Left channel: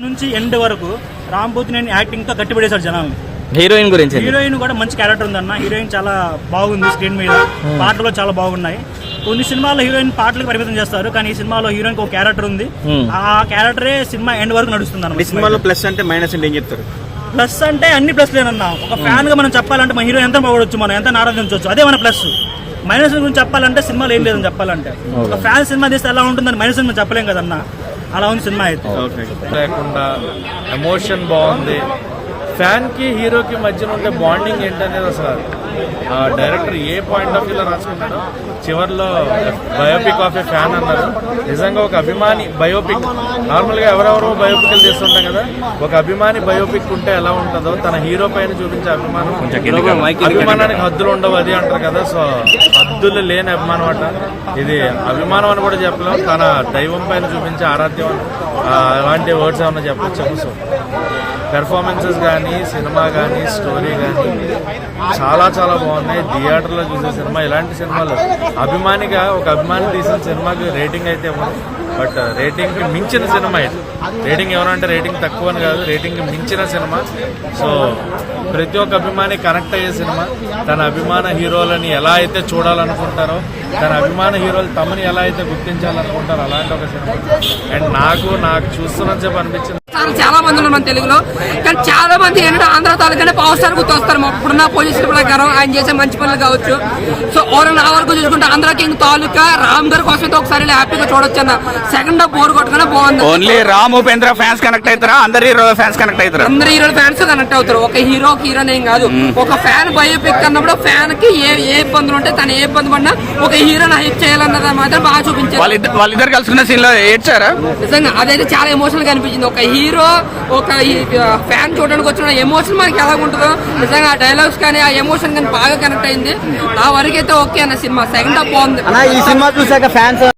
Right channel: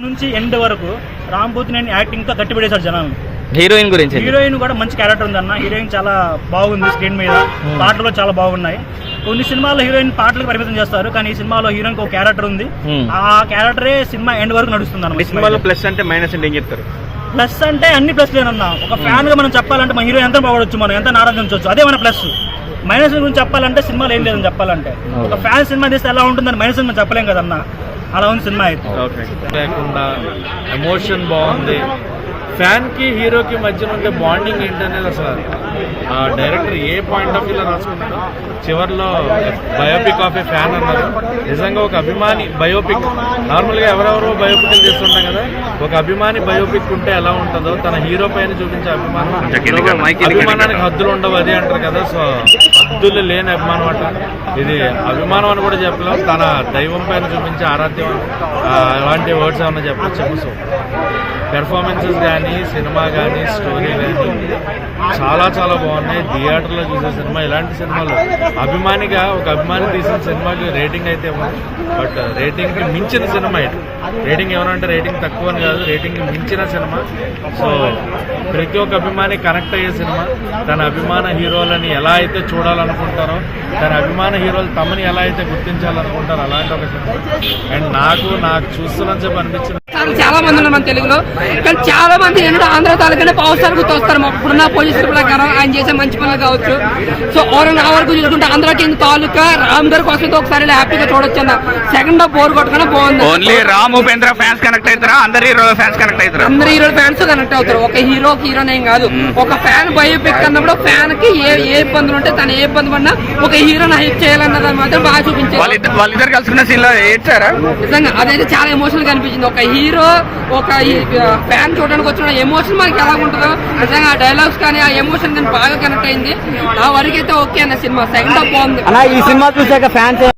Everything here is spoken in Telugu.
నుంచి ఎండ్ వరకు రాంపోతినేని యాక్టింగ్ తో కట్టిపడేశాడు జనాలను. హీరోయిన్ గురించి హీరోయిన్ కూడా మంచి క్యారెక్టర్ ఉందన్న. హీరోయిన్ చాలా బాగుంది స్క్రీన్ మీద, పాటలు కూడా చాలా బాగున్నాయి. కొన్ని సినిమాల్లో హీరోయిన్ పాటలకు పరిమితం చేస్తారు, కానీ ఈ సినిమాలో హీరోయిన్ ఒక క్యారెక్టర్ ఉంది. ఆ క్యారెక్టరే సినిమా ఎండ్ వరకు నడుస్తుంది అన్న. సినిమాలో ప్లస్ అంటే మైనస్ అంటే ఏం చెప్తారు? ప్లస్ అంటే అన్ని ప్లస్ లేనన్నా. ఒక ఫ్యాన్ గా మనం చెప్పాలంటే మన హీరో ఎంత బాగొచ్చు, మనం ఎంత నారాధించవచ్చు, అదే మన ప్లస్. మైనస్ గురించి చెప్పాలంటే సినిమాలో ఏం లేదని చెప్పాలంటే, ఒక ఫ్యాన్ సినిమా తీస్తే ఎలా ఉంటుందని మైనస్ మనం చెప్పలేం కదన్నా. అలా ఉంది సినిమా అయితే. లేకుండా ఎమోషన్ బాగుంది. ఫ్యాన్ కి హీరోకి మధ్యన ఉండే బాండింగ్ ఏంటనేది అసలు డైరెక్టర్ ఏ పాయింట్ ఆఫ్ వ్యూలో రాసుకున్నాడో. చివరిలో బయోపిక్ ఆఫ్ ఏ ఫ్యాన్ అన్నారు. నిజంగా ఒక అభిమాని బయోపిక్, నార్మల్ గా ఎవరెవరో బయోపిక్లు చేస్తుంటాం కదా, ఒక అభిమాని బయోపిక్ ఉంటే ఎలా ఉంటుందో తన హీరో పైన చూపించే అభిమానానికి హద్దులు ఉండవు అది అంటారు కదా. సో హద్దులు లేని అభిమానం అట. ఇది అభిమానం అని కూడా చెప్పలేం, తన దైవం పైన చూపించే ఆరాధ్యం అలాంటి వర్డ్స్ ఏమన్నా చెప్పచ్చు. సో పెర్ఫార్మెన్సెస్ కానీ, సినిమా కానీ, స్టోరీ కానీ చాలా చాలా బాగున్నాయి. థియేటర్లో చూసే సినిమా, ఇలాంటి సినిమాలు అభిమానిగా ఒక అభిమాని తీసిన సినిమాకి రేటింగ్ అయితే ఇవ్వదు, బట్ రేటింగ్ కి మించిన సినిమా ఇది. రేటింగ్ ఏమనంటే రేటింగ్ తక్కువ అని కాదు, రేటింగ్ కి మించిన సినిమా. సో ప్రతి ఒక్క అభిమాని కనెక్ట్ అయ్యే సినిమా. తన అభిమాన హీరోలని ఎలా అయితే చూడాలనుకుంటారో, తన అభిమాన హీరోలు తమని ఎలా అయితే గుర్తించాలనుకుంటారో అలాంటి ఒక సినిమా. అండ్ నాకు చూస్తున్నా చెప్పి అనిపించింది. చాలా మంది ఉన్నారు మన తెలుగులో, కానీ చాలా మంది ఏంటంటే ఆంధ్ర తాలూకానే పవర్ స్టార్ గుర్తు వస్తారు. ఇప్పుడున్న పొజిషన్ ప్రకారం ఆయన చేసే మంచి పనులు కావచ్చు. సో నా వరకు చూసుకుంటే ఆంధ్ర కింగ్ తాలూకా రామ్ గారి కోసం ఒకసారి హ్యాపీగా చూడొచ్చు అన్న. సెకండ్ హాఫ్ బోర్ కొట్టుకునే బాగుంది. Only Ram Upendra fans connect అవుతారా? అందరు హీరో ఫ్యాన్స్ కనెక్ట్ అవుతారు? అందరు హీరో ఫ్యాన్స్ కనెక్ట్ అవుతారు. ఒక హీరోని ఏం కాదు, ఒక ఫ్యాన్ బయోపిక్ అన్నప్పుడు ఫ్యాన్ కి ఏ ఇబ్బందులు ఉంటే తను ఏ ఇబ్బంది పడినా ఒక హీరోని హెల్ప్ చేయాలన్నది మాత్రం బాగా చూపించారు. వాళ్ళిద్దరు కలుసుకున్న సీన్ లో ఏడ్చారా? నిజంగా అదైతే చాలా ఎమోషనల్ గా అనిపించింది. ఒక హీరో ఒక ఫ్యాన్ చూడడానికి వచ్చిన ఎమోషన్ మనకి ఎలా ఉంటుందో నిజంగా ఆ డైలాగ్స్ కానీ ఆ ఎమోషన్ కానీ బాగా కనెక్ట్ అయింది. నా వరకు అయితే ఓకే అన్న సినిమా. సెకండ్ హాఫ్ బాగుంది. ఈ సినిమా చూసాక ఫ్యాన్స్